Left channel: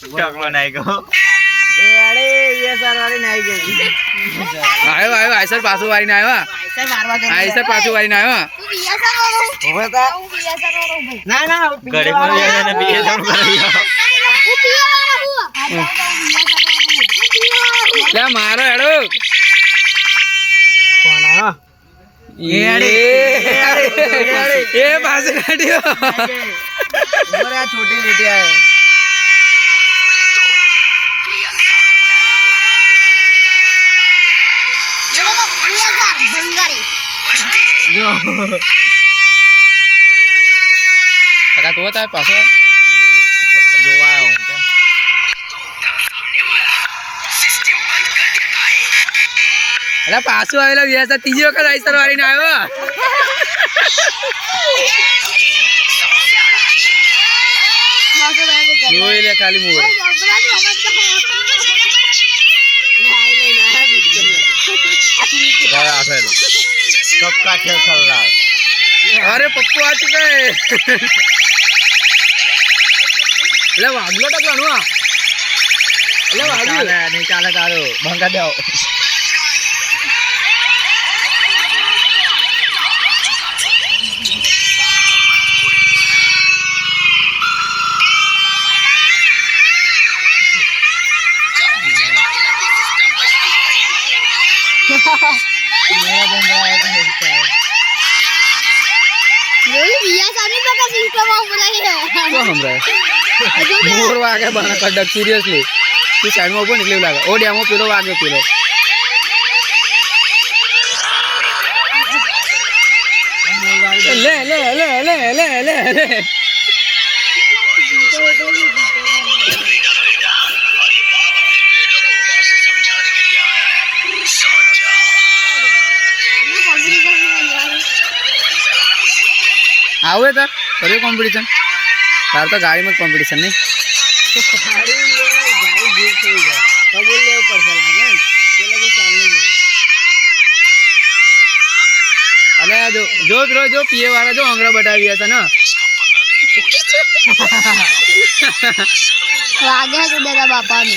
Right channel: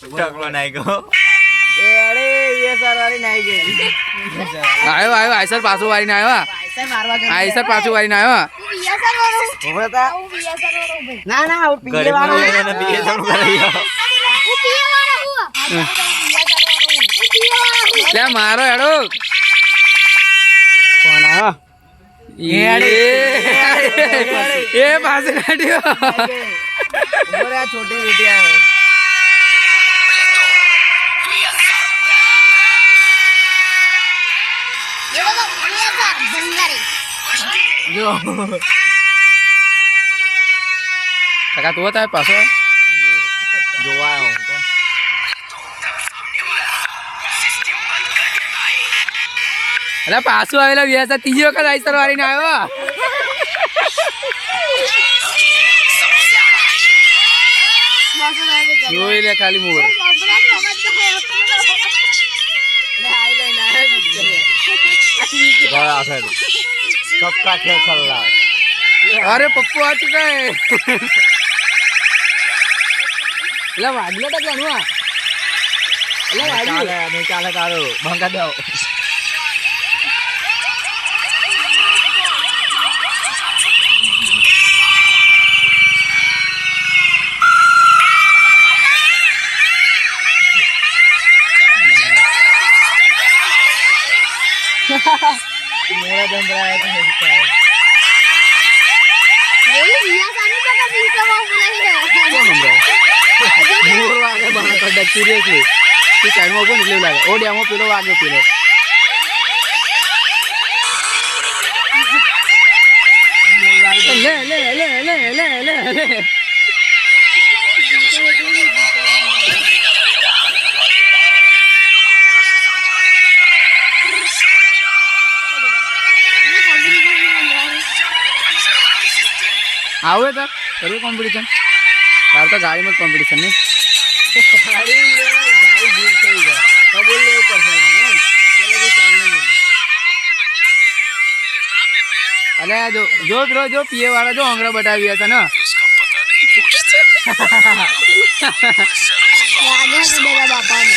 टकलो नहीं गो आयो आयो आयसर पाछो वारीने आयो आयसर पाछो वारीने आयो ના ના गरीब में ये ना पीछे सब करियो લે મારો હેડો એ પાસે કાઢ્યો छोटी बेटिया है કાકા તું હતા પાછો જોવા હું કોણ અરે પાછો આવેલો વ્યસ્ત ત્રીજી વખત આઈસર વારીને આવ્યો જોઈ લે ખાલી મોર गया फिर सबका खेल चल रहा है अरे पप्पू आ चुका है ले वागलो तो घणो आ ले वागलो नहीं चाले तारो भंगा दो मेरा बन रहा है तो ये बिया सानी पका सिस्टम ऑफ रही है को हमरे मोर वागे बना कड्डा सीरियसली तू साइड में ऊपर निकले लागे ओ डेमो पेलो वागे पेलो ले ले ले ले ले ले ले आवे तार करे कॉम्पिटिशन तार तो गाड़ी में कॉम्पिटिशन नहीं गाड़ी जीत થઈ ગયો કબૂલ લેવું પડશે લાગે ને પેલે બી ચાલને બોલે अले जो जो ब्रो जो पिए वाला जो अंगड़ा बटावी था ना आगे है तो तेरा बापा ने